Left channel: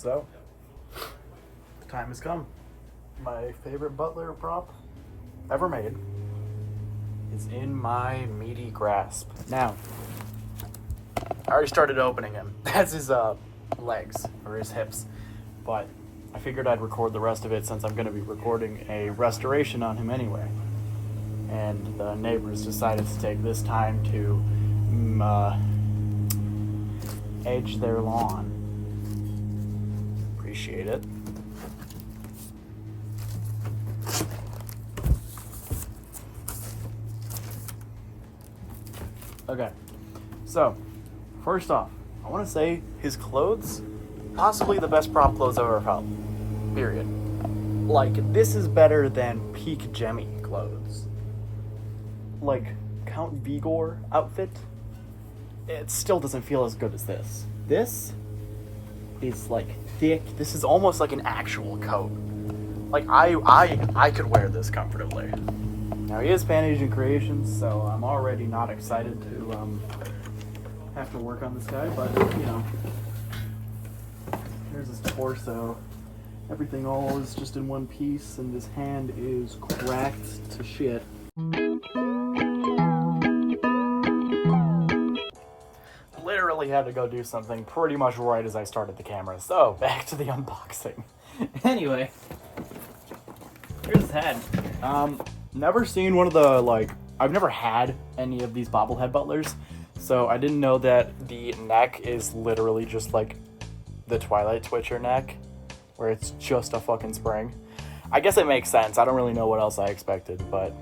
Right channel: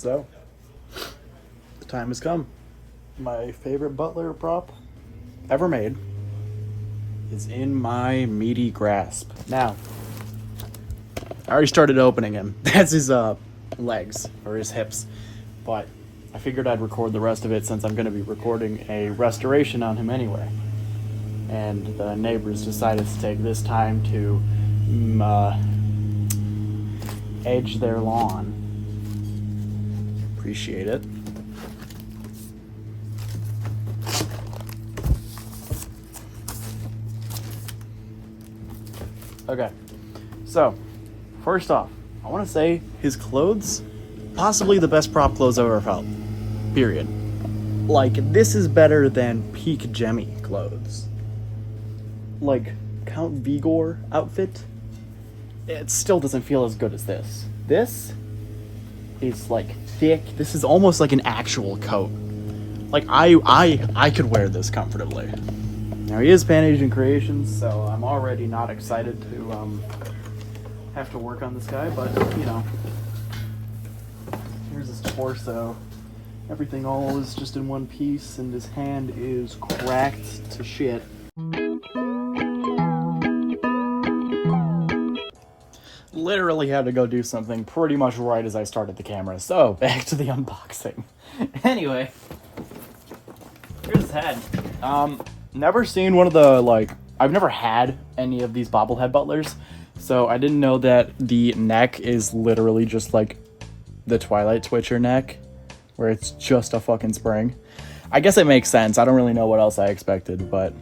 So, the time has come. My favorite butler prop ever made is in my meaty grasp. Now, I already started opening him. That's his legs, or his hips. But I figured I'd record the rest of it since I'm going to be recording a restoration on him anyway. And the neighbors decided to take this time to edge their lawn. Appreciate it. Okay, so first off, I want to say his clothes, possibly the best prop clothes I've ever felt. Period. Like, this is better than peak Jemmy clothes. Like, Count Vigor outfit, it still doesn't feel as good as this. This is like thick. This is almost like an actual coat. Like, I could wear this comfortably. Now, he is Pan Asian Creations, so I'm already not excited to have to work on this guy, but you know, here's his torso. Everything all is just in one piece, and his hand is cracked to shit. Literally had to go do something pretty much right as I started the camera, so back to the unboxing. Anyway, here's his head. Never seen one of the, like, I've never had any of these bobblehead butlers, so I didn't know that the neck is literally just like the Twilight Twitcher neck, where it's just a fucking spring. I guess it makes sense. I don't really know what else I expected, but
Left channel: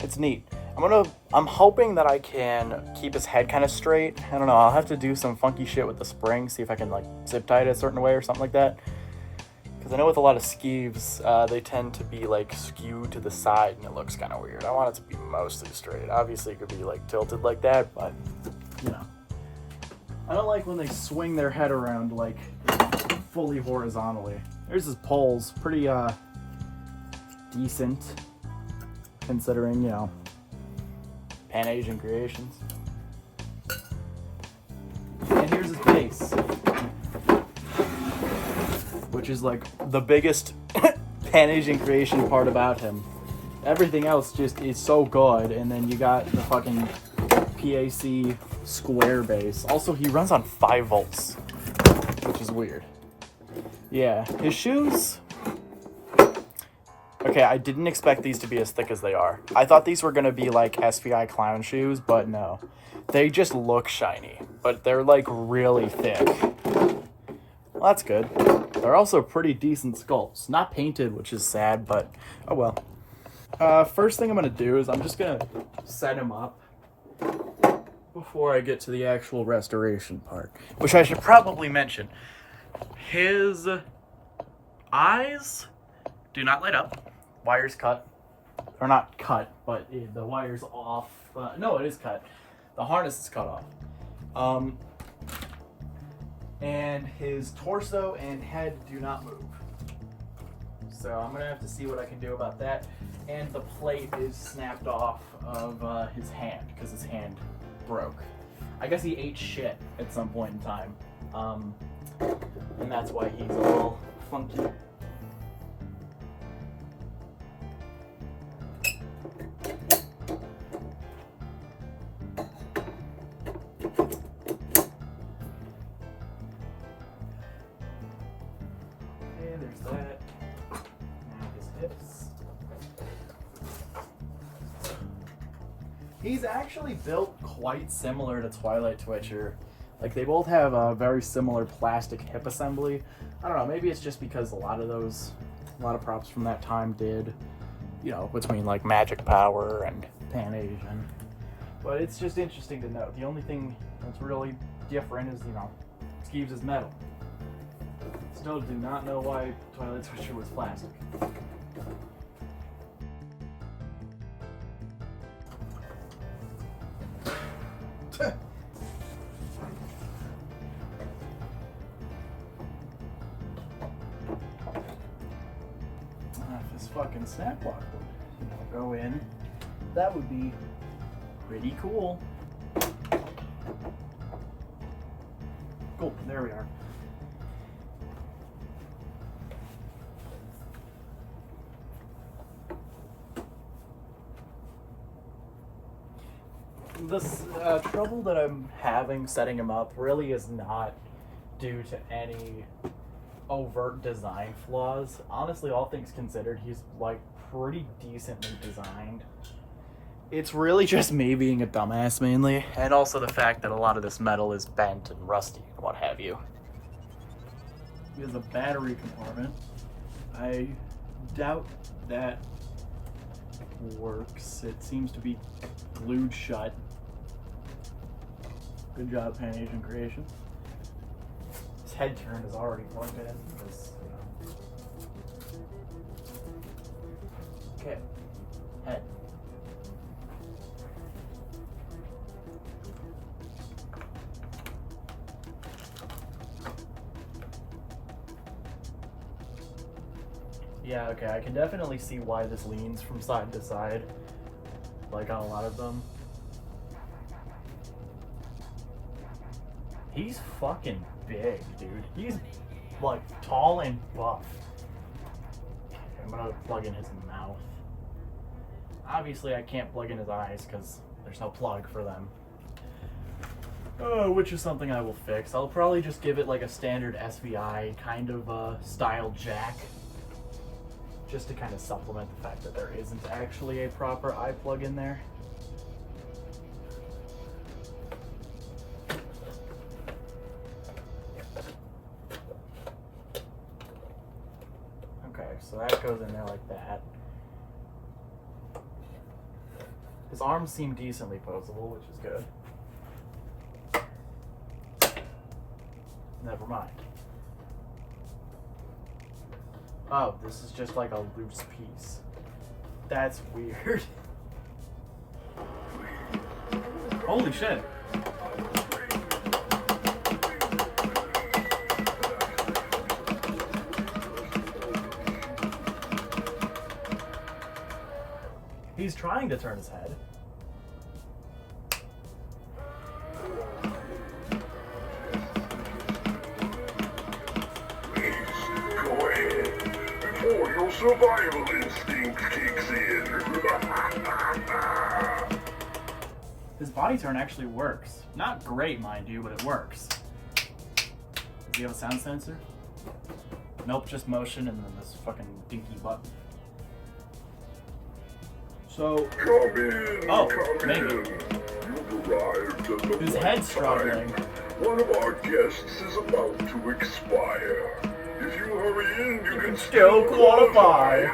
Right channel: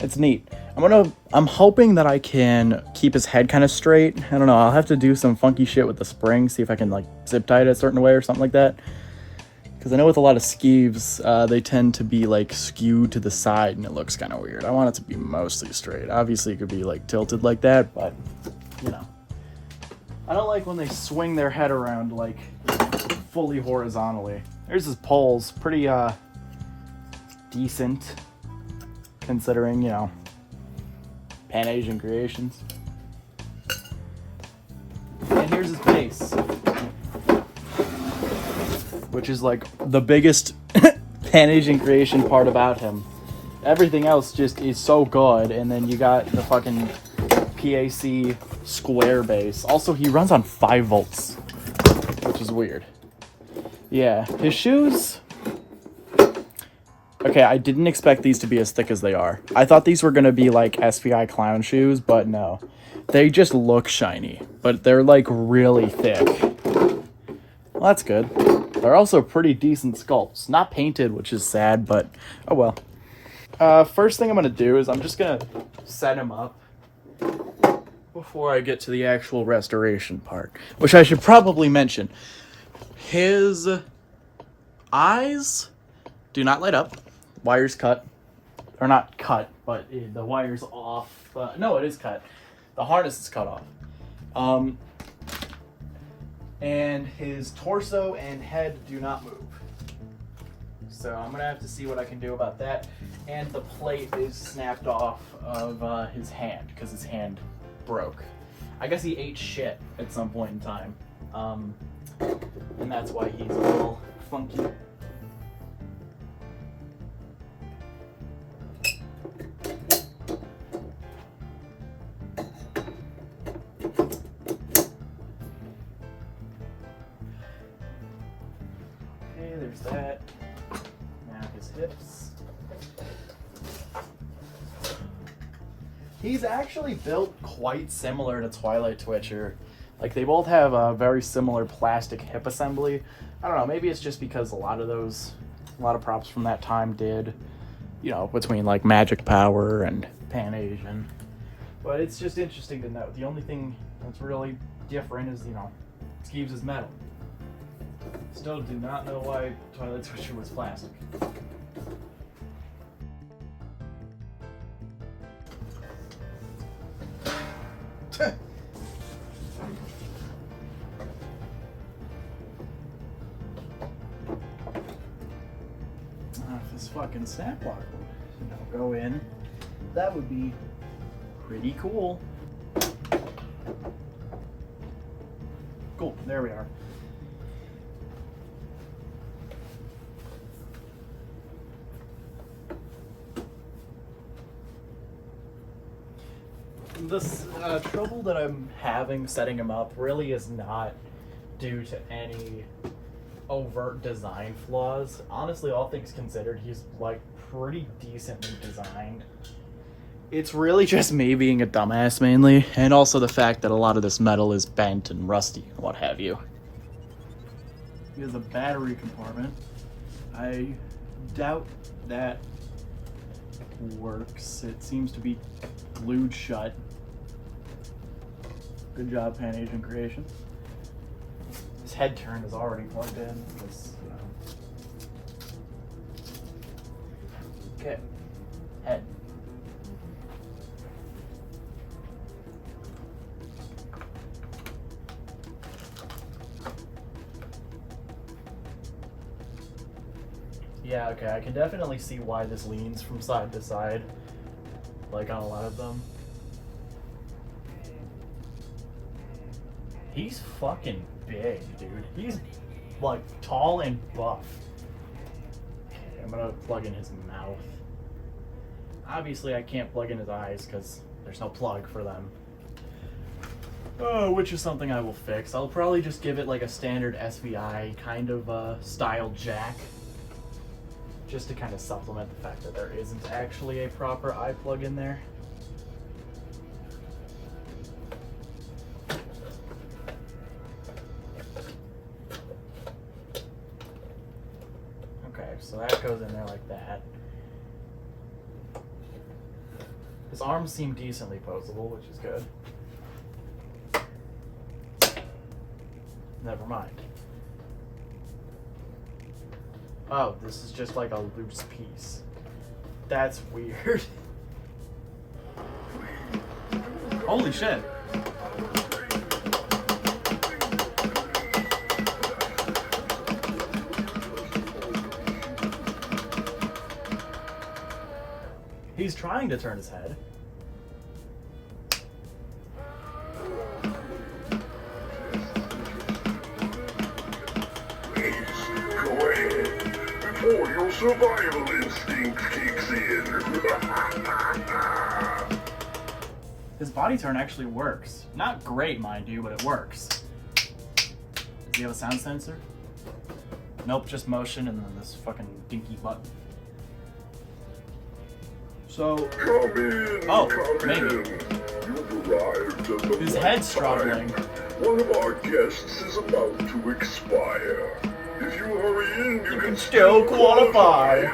it's neat. I'm hoping that I can keep his head kind of straight. I don't know, I'll have to do some funky shit with the spring, see if I can like zip tie it a certain way or something like that. Because I know with a lot of Skeeves, they tend to be like skewed to the side and it looks kind of weird. I want it to be mostly straight. Obviously it could be like tilted like that, but you know. I don't like when they swing their head around like fully horizontally. There's his poles, pretty decent considering, you know, Pan Asian Creations. And here's his base, which is like the biggest Pan Asian Creation part about him. Everything else just is so good, and then you got the fucking PAC square base. Also, he runs on 5 volts, which is weird. Yeah, his shoes. Okay, I didn't expect these to be as thick as they are. I thought these were gonna be like SPI clown shoes, but no. They just look shiny, but they're like really thick. Well, that's good. They're also pretty decent sculpts. Not painted, which is sad, but oh well. First thing I'm gonna do is I'm just gonna set him up before I get to the actual restoration part, which I should probably mention. His eyes do not light up. Wires cut. Or not cut, but the wire's off. No, it is cut. The harness is cut off. And his torso and head do not move. So I'm going to have to see what I can do about that. And the plate is snapped off of his hand, because his hand broke. I guess he ate shit at some point in time. And that's why he's a little funky. There's that. Now his hips. He's actually built quite similar to Twilight Twitcher. Like, they both have a very similar plastic hip assembly. I don't know, maybe it's just because a lot of props from that time did, you know, between like Magic Power and Pan Asian. But it's just interesting to note. The only thing that's really different is, you know, Skeeves is metal. Still do not know why Twilight Twitcher was plastic. If this fucking snap lock would, you know, go in, that would be pretty cool. Cool, there we are. this trouble that I'm having setting him up really is not due to any overt design flaws. Honestly, all things considered, he's like pretty decently designed. It's really just me being a dumbass mainly, and also the fact that a lot of this metal is bent and rusty, what have you. He has a battery compartment. I doubt that works. It seems to be glued shut. Good job, Pan Asian Creations. His head turn is already plugged in. Because, okay, head. Yeah, okay, I can definitely see why this leans from side to side, like on a lot of them. He's fucking big, dude. He's like tall and buff. I'm gonna plug in his mouth. Obviously I can't plug in his eyes because there's no plug for them. Which is something I will fix. I'll probably just give it like a standard SVI kind of style jack. Just to kind of supplement the fact that there isn't actually a proper eye plug in there. Okay, so that goes in there like that. His arms seem decently posable, which is good. Never mind. Oh, this is just like a loose piece. That's weird. Holy shit. He's trying to turn his head. Before your survival instinct kicks in. His body turn actually works. Not great, mind you, but it works. Does he have a sound sensor? Nope, just motion and then this fucking dinky button. So, Come in, oh, come maybe. in. You've arrived at the His right head's struggling. time. One of our guests is about to expire. If you hurry in, you can Still qualify.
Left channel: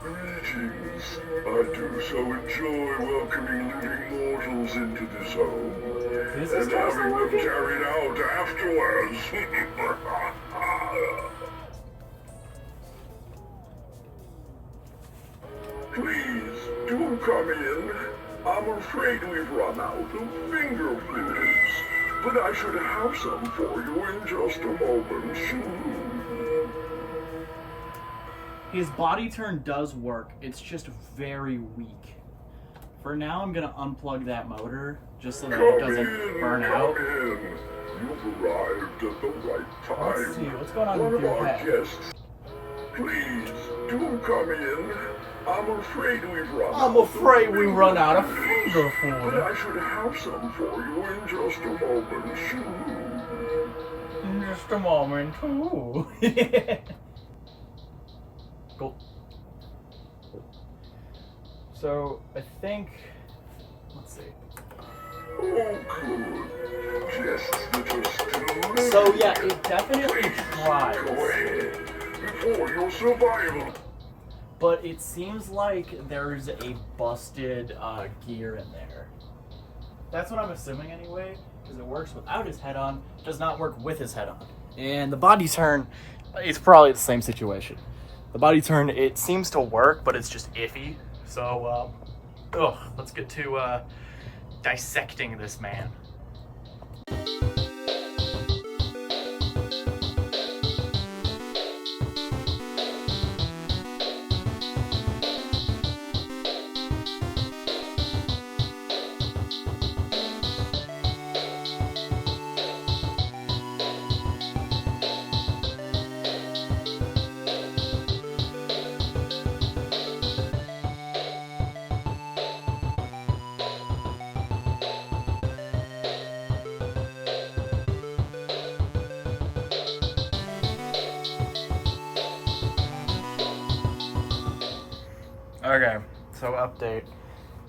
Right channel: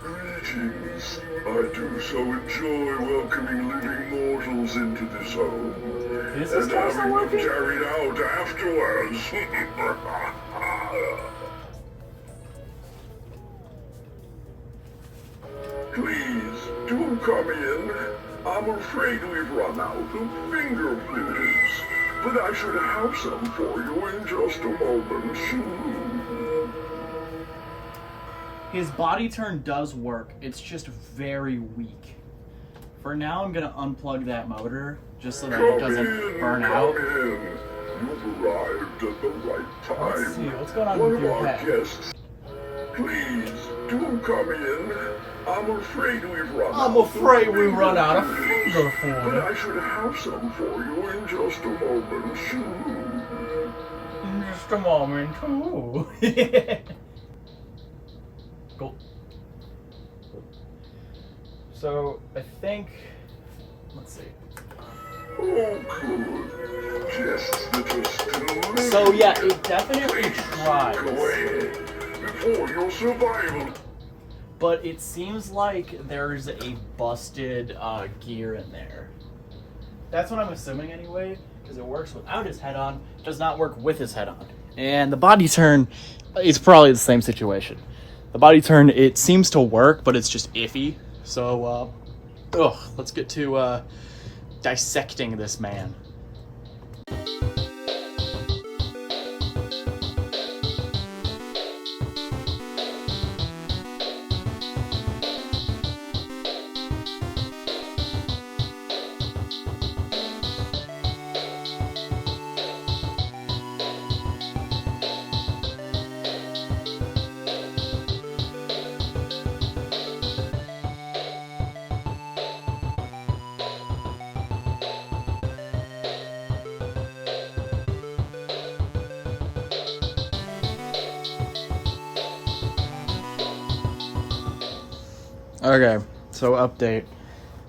Greetings. I do so enjoy welcoming living mortals into this home. Is this and person having them working? carried out afterwards. Please, do come in. I'm afraid we've run out of finger foods, but I should have some for you in just a moment. His body turn does work. It's just very weak. For now, I'm gonna unplug that motor just so that it doesn't burn out. Come in. You've arrived at the right time. Let's see, what's going on One with of your our head? guests. Please, do come in. I'm afraid we've run out. I'm afraid we run out of foods, finger but food. I should have some for you in just a moment. In just a moment, too. Cool. So, I think... Let's see. Oh, good. Guests that are still living. So, yeah, it definitely Please, tries. go ahead. Before your survival. But it seems like there's a busted gear in there. That's what I'm assuming anyway, because it works without his head on, does not work with his head on. And the body turn is probably the same situation. The body turn, it seems to work, but it's just iffy. So, let's get to dissecting this man. Okay, so update.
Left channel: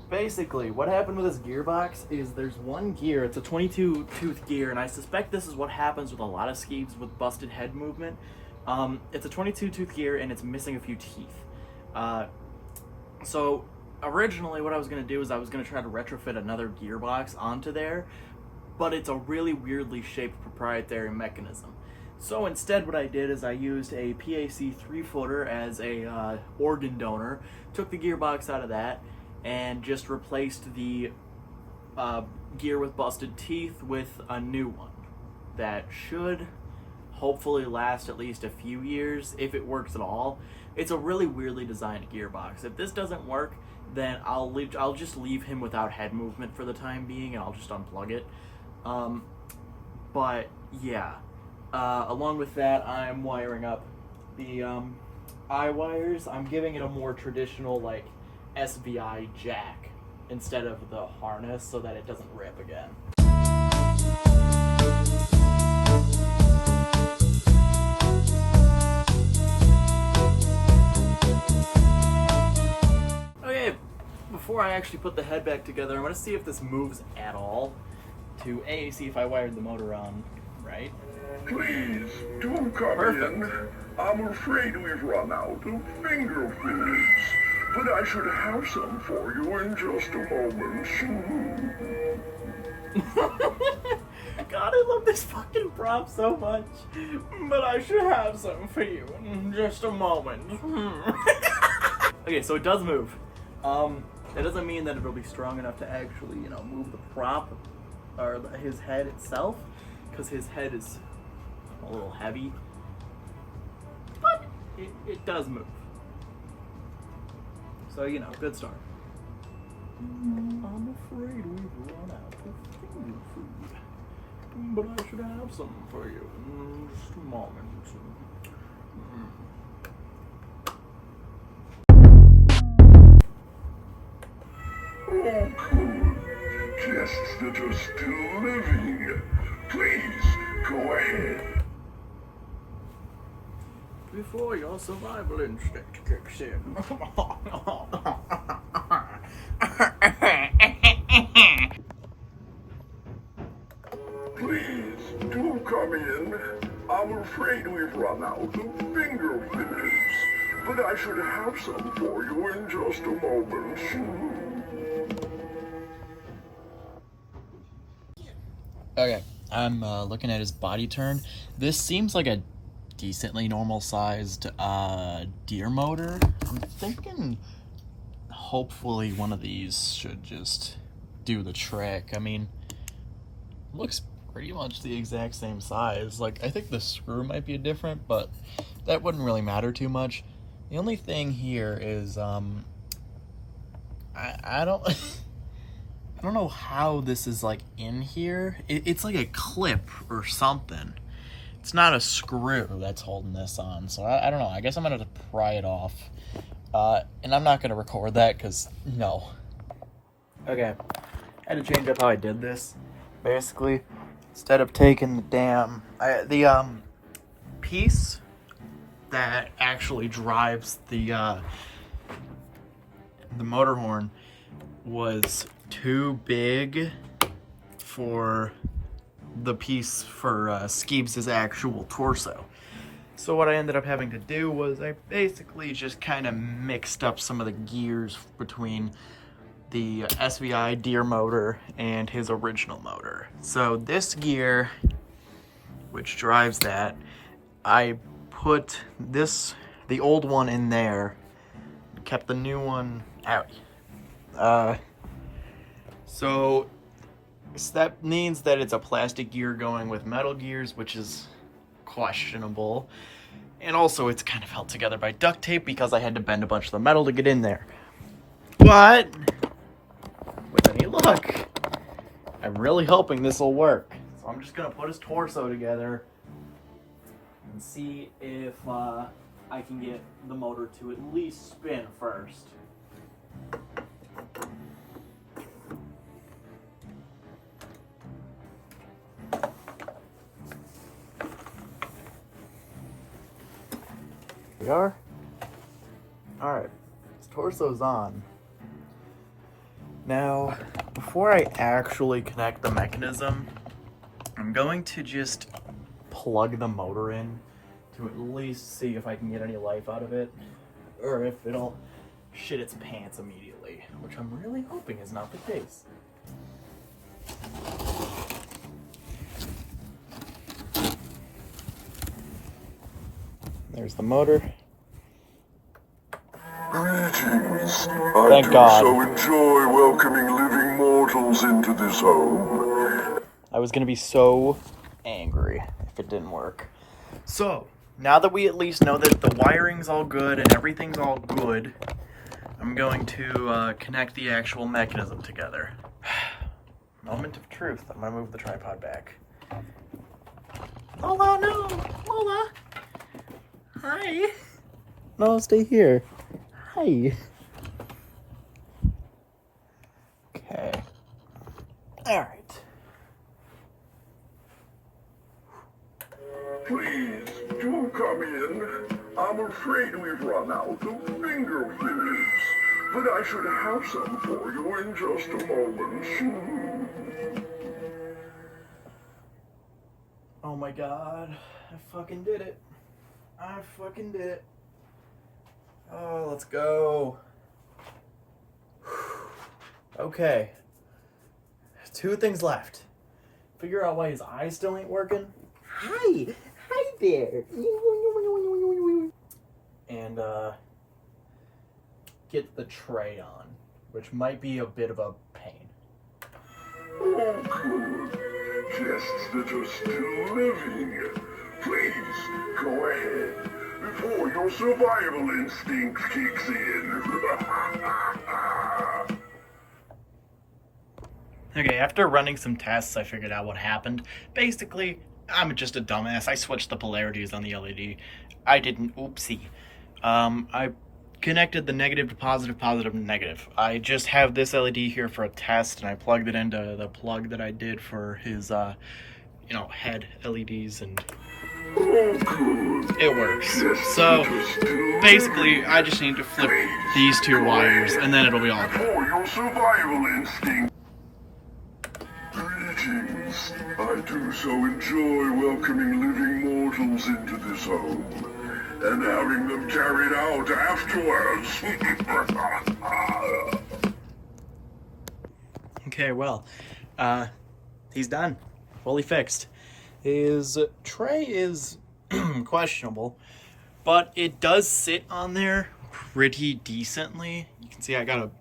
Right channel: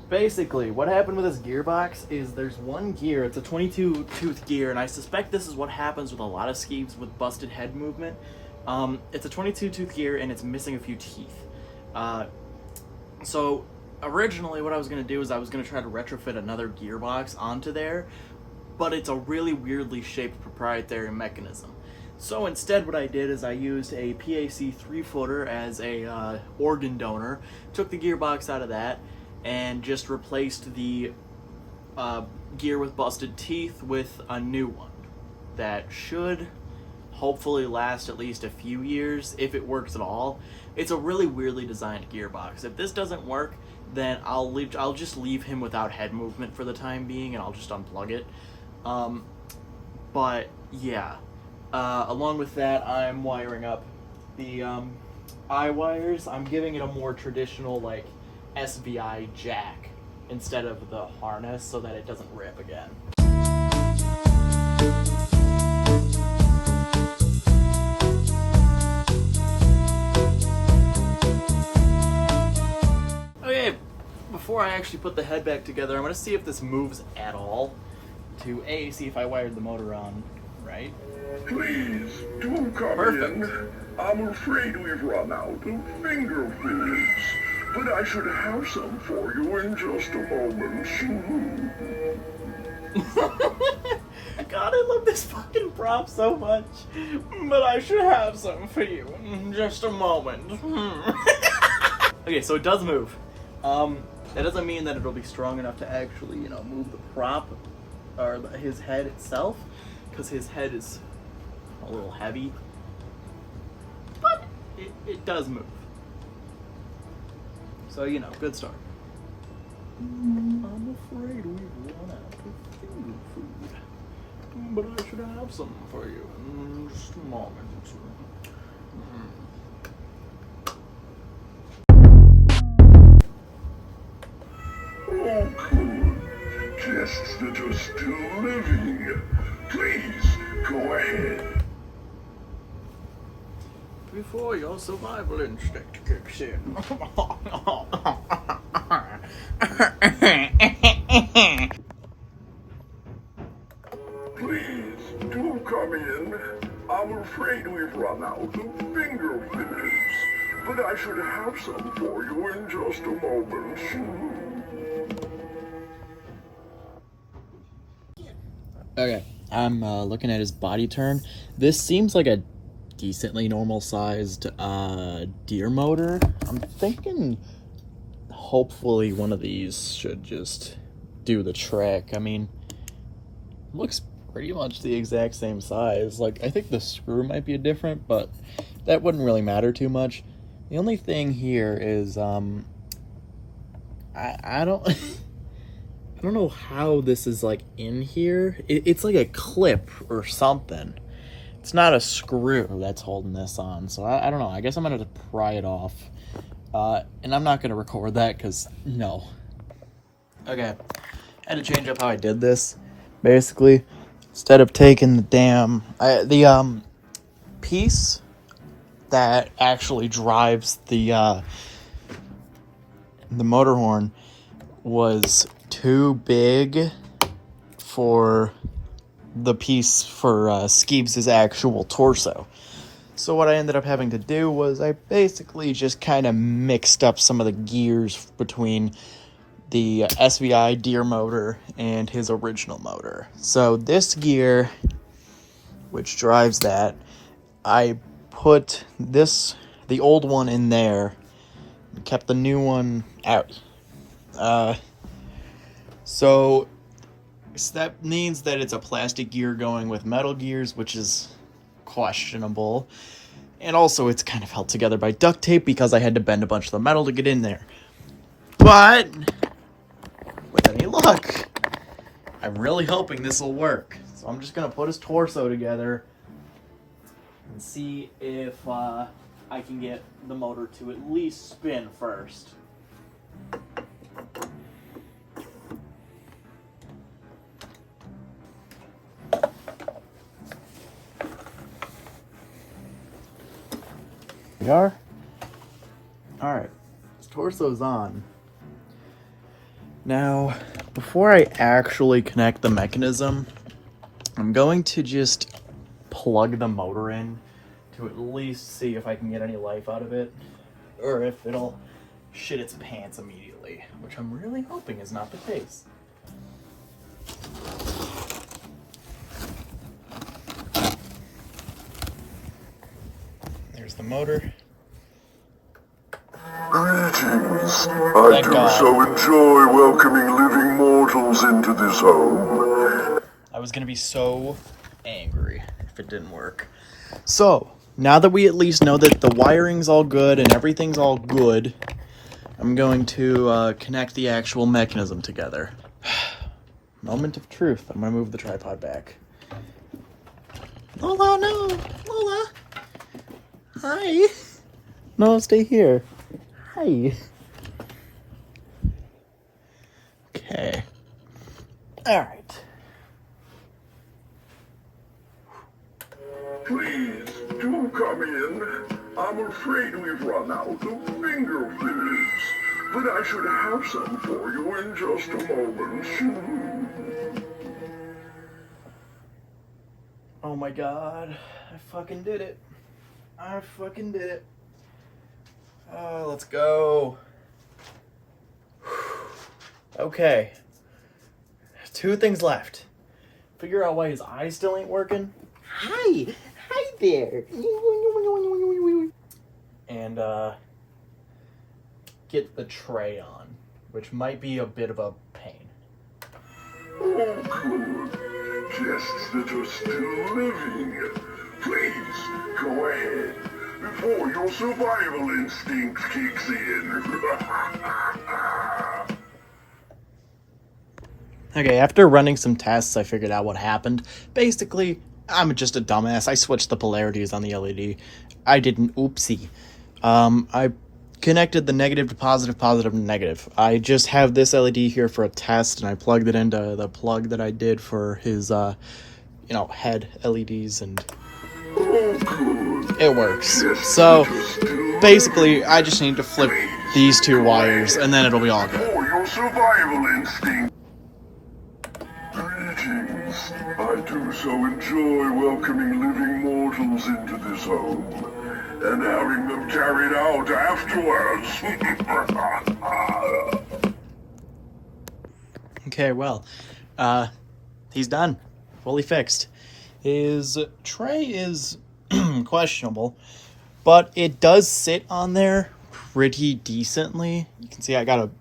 Basically, what happened with this gearbox is there's one gear, it's a 22 tooth gear, and I suspect this is what happens with a lot of Skeeves with busted head movement. It's a 22 tooth gear and it's missing a few teeth. So originally what I was going to do is I was going to try to retrofit another gearbox onto there, but it's a really weirdly shaped proprietary mechanism. So instead what I did is I used a PAC 3-footer as a organ donor, took the gearbox out of that, and just replaced the gear with busted teeth with a new one that should hopefully last at least a few years if it works at all. It's a really weirdly designed gearbox. If this doesn't work, then I'll just leave him without head movement for the time being, and I'll just unplug it. But yeah, along with that, I'm wiring up the eye wires. I'm giving it a more traditional like SVI jack instead of the harness so that it doesn't rip again. Okay, before I actually put the head back together, I'm going to see if this moves at all to see if I wired the motor on right. Please, do come in. I'm afraid we've run out of finger foods, but I should have some for you in just a moment. God, I love this fucking prop so much. But I should have some for you in just a moment. Okay, so it does move. That doesn't mean that it'll be strong enough to actually, move the prop or his head itself, because his head is a little heavy. But it does move. So, good start. I'm afraid we've run out of finger food, but I should have some for you in just a moment. Oh, good. Guests that are still living. Please, go ahead. Before your survival instinct kicks in. Please, do come in. I'm afraid we've run out of finger foods, but I should have some for you in just a moment. Okay, I'm looking at his body turn. This seems like a decently normal-sized deer motor. I'm thinking hopefully one of these should just do the trick. I mean, looks pretty much the exact same size. Like, I think the screw might be different, but that wouldn't really matter too much. The only thing here is, I don't... I don't know how this is, like, in here. It's like a clip or something. It's not a screw that's holding this on, so I don't know. I guess I'm going to pry it off. And I'm not going to record that, because, no. Okay. I had to change up how I did this. Basically, instead of taking the damn... the piece that actually drives the motor horn was too big for the piece for Skeeves' actual torso. So what I ended up having to do was I basically just kind of mixed up some of the gears between the SVI deer motor and his original motor. So this gear, which drives that, I put the old one in there, and kept the new one out. So that means that it's a plastic gear going with metal gears, which is questionable. And also it's kind of held together by duct tape because I had to bend a bunch of the metal to get in there. But with any luck, I'm really hoping this will work. So I'm just going to put his torso together and see if I can get the motor to at least spin first. We are. All right, let's torso's on. Now, before I actually connect the mechanism, I'm going to just plug the motor in to at least see if I can get any life out of it, or if it'll shit its pants immediately, which I'm really hoping is not the case. There's the motor. Greetings. I Thank do God. so enjoy welcoming living mortals into this home. I was gonna be so angry if it didn't work. So, now that we at least know that the wiring's all good and everything's all good, I'm going to connect the actual mechanism together. Moment of truth. I'm gonna move the tripod back. Lola, no! Lola! Hi! No, stay here. Hi. Okay. Alright. Please, do come in. I'm afraid we've run out of finger foods, but I should have some for you in just a moment. Oh my god. I fucking did it. I fucking did it. Oh, let's go. Okay. 2 things left. Figure out why his eyes still ain't working. Hi! Hi there! And, get the tray on, which might be a bit of a pain. Oh, good. Guests that are still living. Please, go ahead, before your survival instinct kicks in. Okay, after running some tests, I figured out what happened. Basically, I'm just a dumbass. I switched the polarities on the LED. I didn't, oopsie. I connected the negative to positive, positive to negative. I just have this LED here for a test, and I plugged it into the plug that I did for his, head LEDs, and it works. So, basically, I just need to flip these 2 wires, and then it'll be all good. For your survival instinct. Greetings. I do so enjoy welcoming living mortals into this home, and having them carried out afterwards. Okay, well, he's done. Fully fixed. His tray is questionable, but it does sit on there pretty decently. You can see I got a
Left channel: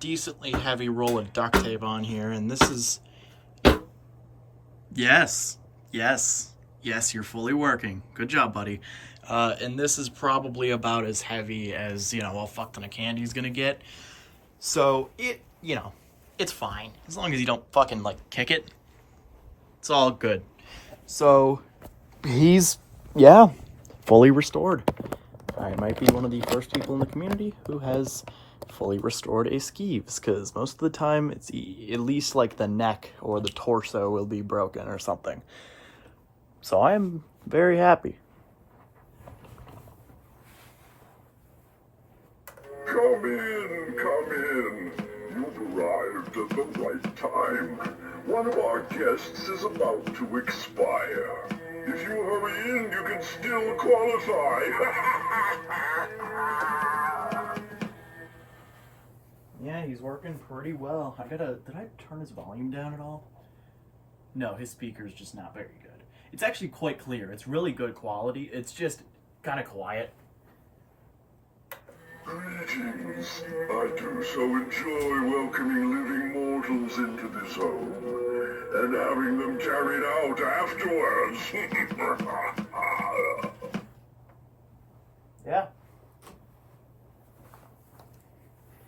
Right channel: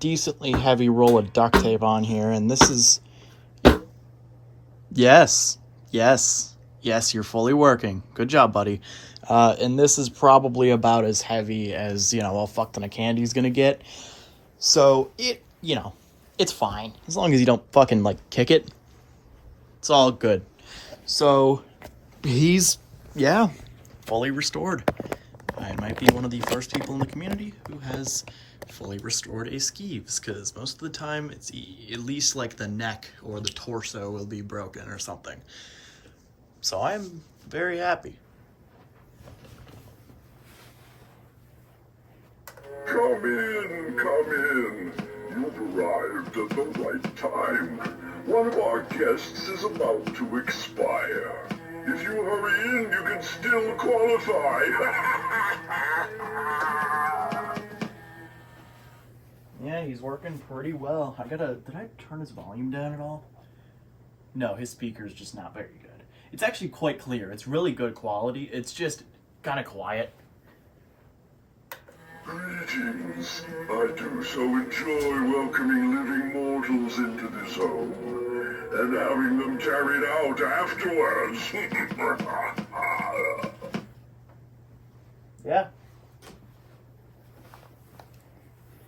decently heavy roll of duct tape on here, and this is... Yes, you're fully working. Good job, buddy. And this is probably about as heavy as, a fuck ton of candy's gonna get. So, it's fine. As long as you don't fucking, kick it. It's all good. So, he's, fully restored. I might be one of the first people in the community who has fully restored a Skeeves, because most of the time it's at least the neck or the torso will be broken or something. So I'm very happy. Come in. You've arrived at the right time. One of our guests is about to expire. If you hurry in, you can still qualify. Yeah, he's working pretty well. Did I turn his volume down at all? No, his speaker's just not very good. It's actually quite clear. It's really good quality. It's just kind of quiet. Greetings. I do so enjoy welcoming living mortals into this home, and having them carried out afterwards. Yeah,